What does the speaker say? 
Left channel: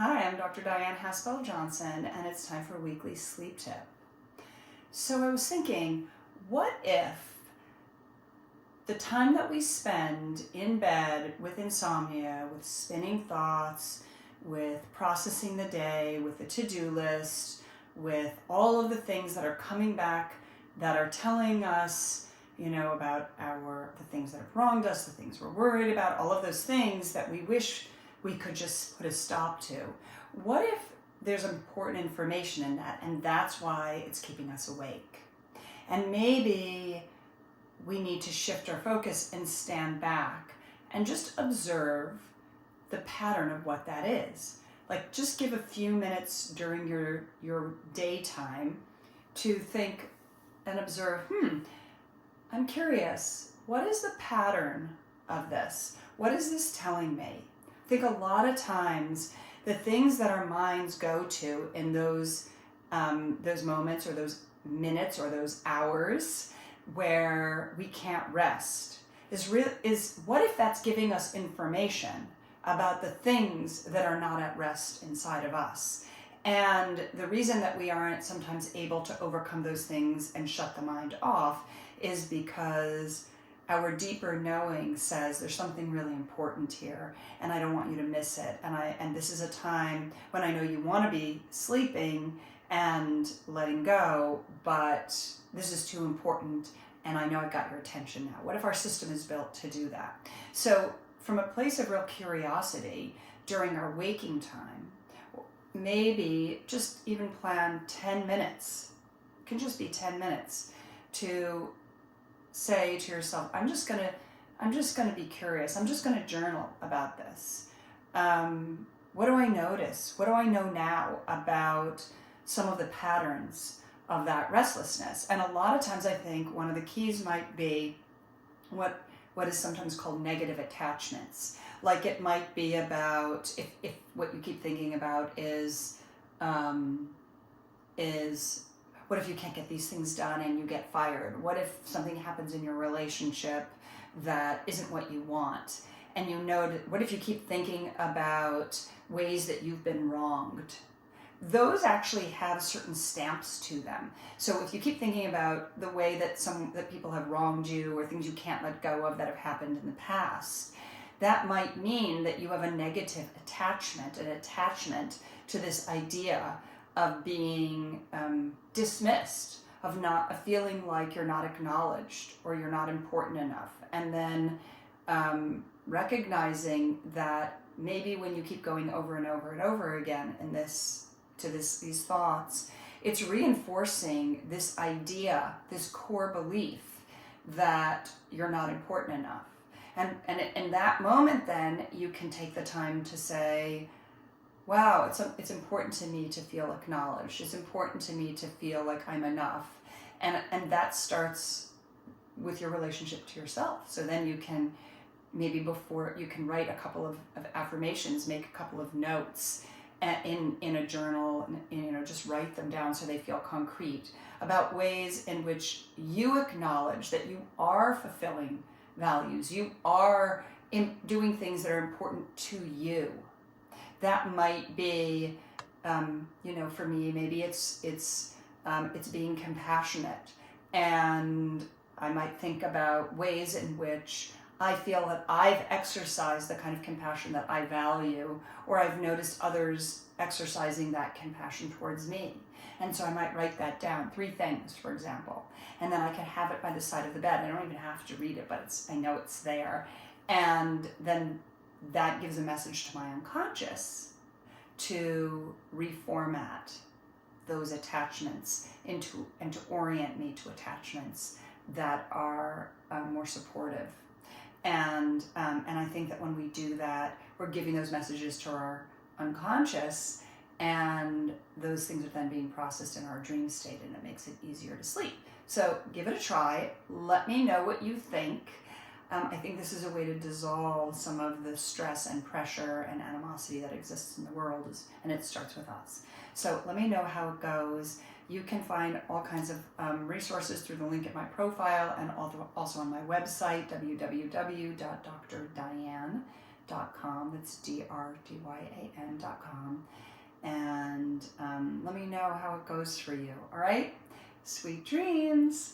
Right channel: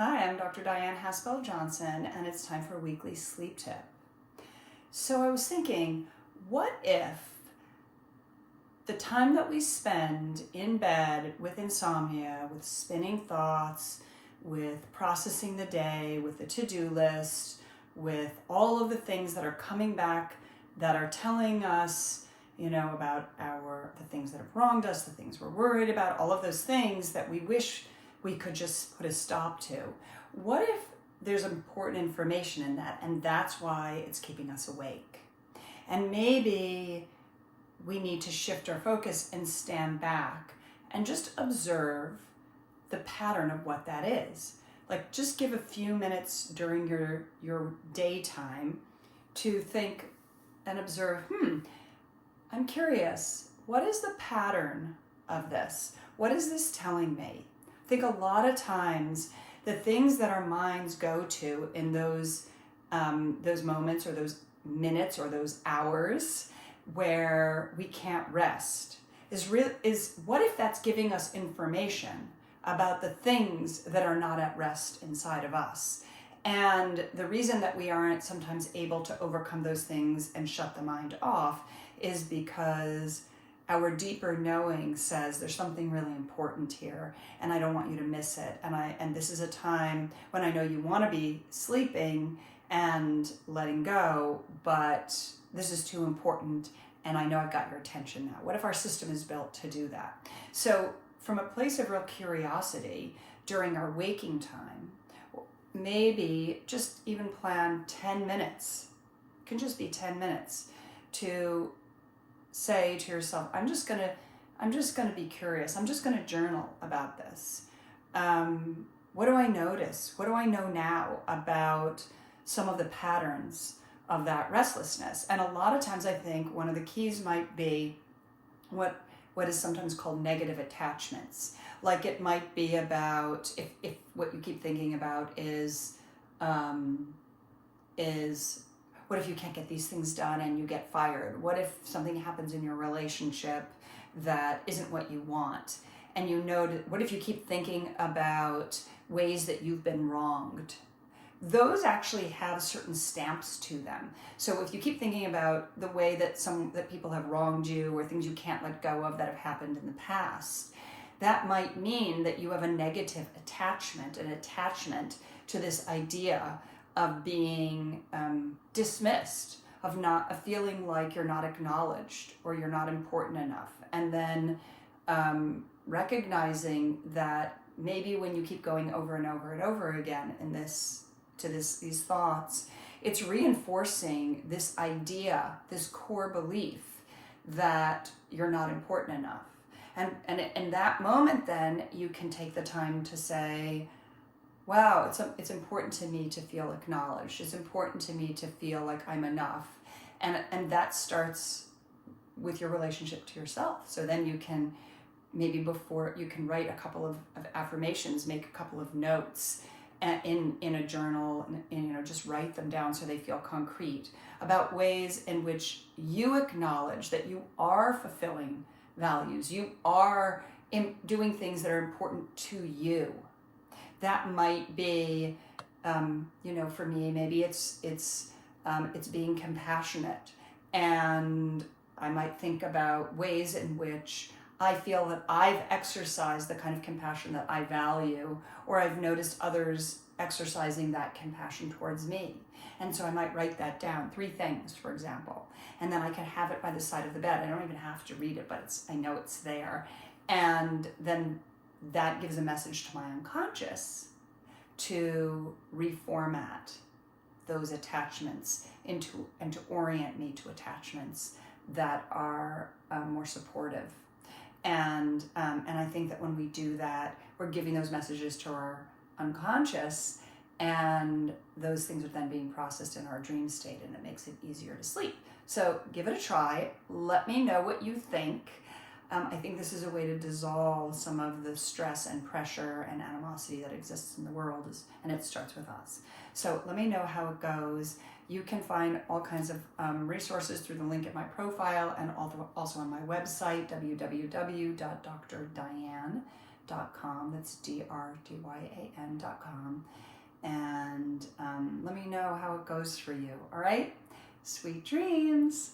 Hi, I'm Dr. Dyan Johnson, and it's time for a weekly sleep tip. So I was thinking, what if the time that we spend in bed with insomnia, with spinning thoughts, with processing the day, with the to-do list, with all of the things that are coming back that are telling us, about the things that have wronged us, the things we're worried about, all of those things that we wish we could just put a stop to. What if there's important information in that, and that's why it's keeping us awake? And maybe we need to shift our focus and stand back and just observe the pattern of what that is. Like, just give a few minutes during your daytime to think and observe, I'm curious, what is the pattern of this? What is this telling me? I think a lot of times the things that our minds go to in those moments or those minutes or those hours where we can't rest is what if that's giving us information about the things that are not at rest inside of us? And the reason that we aren't sometimes able to overcome those things and shut the mind off is because our deeper knowing says there's something really important here and I don't want you to miss it. And this is a time when I know you want to be sleeping and letting go, but this is too important and I know I've got your attention now. What if our system is built to do that? So from a place of real curiosity during our waking time, maybe just even plan 10 minutes. It can just be 10 minutes to say to yourself, I'm just gonna be curious. I'm just gonna journal about this. What do I notice? What do I know now about some of the patterns of that restlessness? And a lot of times I think one of the keys might be what is sometimes called negative attachments. Like, it might be about if what you keep thinking about is what if you can't get these things done and you get fired? What if something happens in your relationship that isn't what you want? And what if you keep thinking about ways that you've been wronged? Those actually have certain stamps to them. So if you keep thinking about the way that people have wronged you or things you can't let go of that have happened in the past, that might mean that you have a negative attachment, an attachment to this idea of being dismissed, of feeling like you're not acknowledged or you're not important enough. And then recognizing that maybe when you keep going over and over and over again these thoughts, it's reinforcing this idea, this core belief that you're not important enough. And in that moment, then you can take the time to say, wow, it's important to me to feel acknowledged. It's important to me to feel like I'm enough. And that starts with your relationship to yourself. So then you can, maybe before, you can write a couple of affirmations, make a couple of notes in a journal, and just write them down so they feel concrete, about ways in which you acknowledge that you are fulfilling values. You are doing things that are important to you. That might be, for me, maybe it's being compassionate, and I might think about ways in which I feel that I've exercised the kind of compassion that I value, or I've noticed others exercising that compassion towards me. And so I might write that down, 3 things, for example, and then I can have it by the side of the bed. I don't even have to read it, but I know it's there. And then that gives a message to my unconscious to reformat those attachments and to orient me to attachments that are more supportive. And I think that when we do that, we're giving those messages to our unconscious, and those things are then being processed in our dream state, and it makes it easier to sleep. So give it a try. Let me know what you think. I think this is a way to dissolve some of the stress and pressure and animosity that exists in the world, and it starts with us. So let me know how it goes. You can find all kinds of resources through the link in my profile and also on my website, www.drdyan.com. Dyan.com. That's DRDYAN.com. And let me know how it goes for you. All right? Sweet dreams.